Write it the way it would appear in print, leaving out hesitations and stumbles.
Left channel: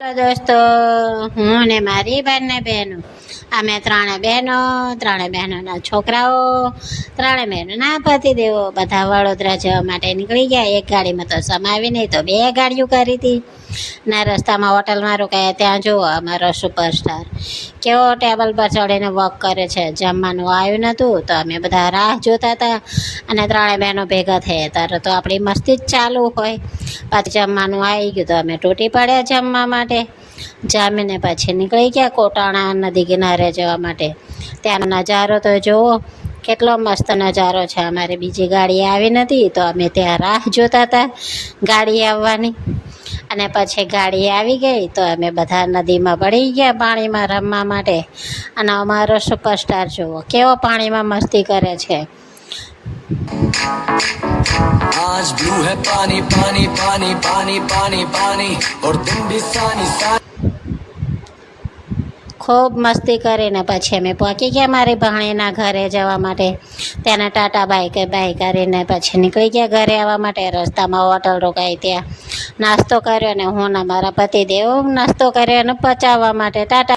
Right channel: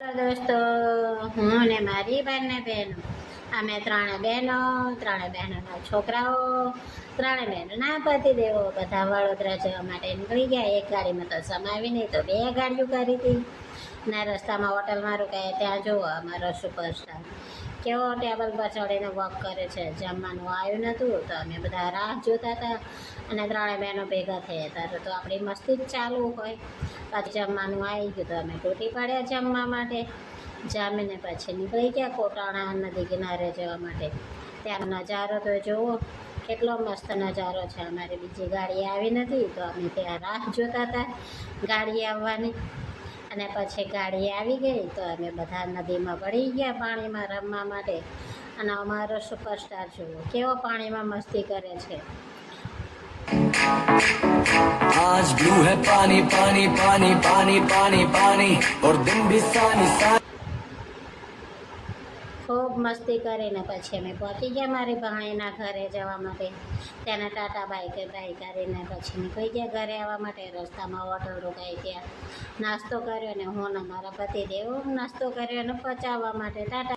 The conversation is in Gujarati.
હેલો દોસ્તો, હું ને મારી બંને બહેનો, અમે ત્રણે બહેનોના છોકરાઓ, ત્રણે બહેનોના પતિદેવો બધા વડોદરા જવા માટે નીકળી ગયા. એક ગાડીમાં તો સમાવી નહીં તો બે ગાડીઓ કરી હતી. ના રસ્તામાં હોટલમાં રોકાયા. ત્યાં જુઓ અમારો સુપરસ્ટાર કેવો ટેબલ પર ચડીને વોક કરે છે. જમવાનું આવ્યું નહોતું તો અમે બધા રાહ જોતા હતા અને ત્રણે બહેનો ભેગા થયા. ત્યારે તો આપણી મસ્તી જ ચાલુ હોય. પાછું જમવાનું આવી ગયું તો અમે તૂટી પડ્યા જમવા માટે. જામીને પછી નીકળી ગયા કોટાણા નદી કિનારે જવા માટે. ત્યાંનો નજારો તો જુઓ, કેટલો મસ્ત નજારો છે. અમારી બીજી ગાડી આવી નથી તો અમે ત્યાં રાહ જોતા હતા ગાડી આવવાની. અને પછી ગાડી આવી ગઈ તો અમે બધા નદીમાં પડી ગયા પાણીમાં રમવા માટે. અને અમારો સુપરસ્ટાર જુઓ કેવો પાણીમાં મસ્તી કરે છે. आज ब्लू है पानी पानी पानी पानी पानी पानी और दिन भी सानी सानी। ખૂબ મસ્તી કરીને પછી અમે પહોંચી ગયા મારી ભાણીના ઘરે જવા માટે. ત્યાંના ટાટા બાય કરીને પછી નીકળી ગયા ઘરે આવવા માટે. રસ્તામાં હોટલ રોકાઈ, ત્યાં નાસ્તો કર્યો અને હું ને મારા પતિદેવ નાસ્તો કર્યો અને પચાવવા માટે ટાટા.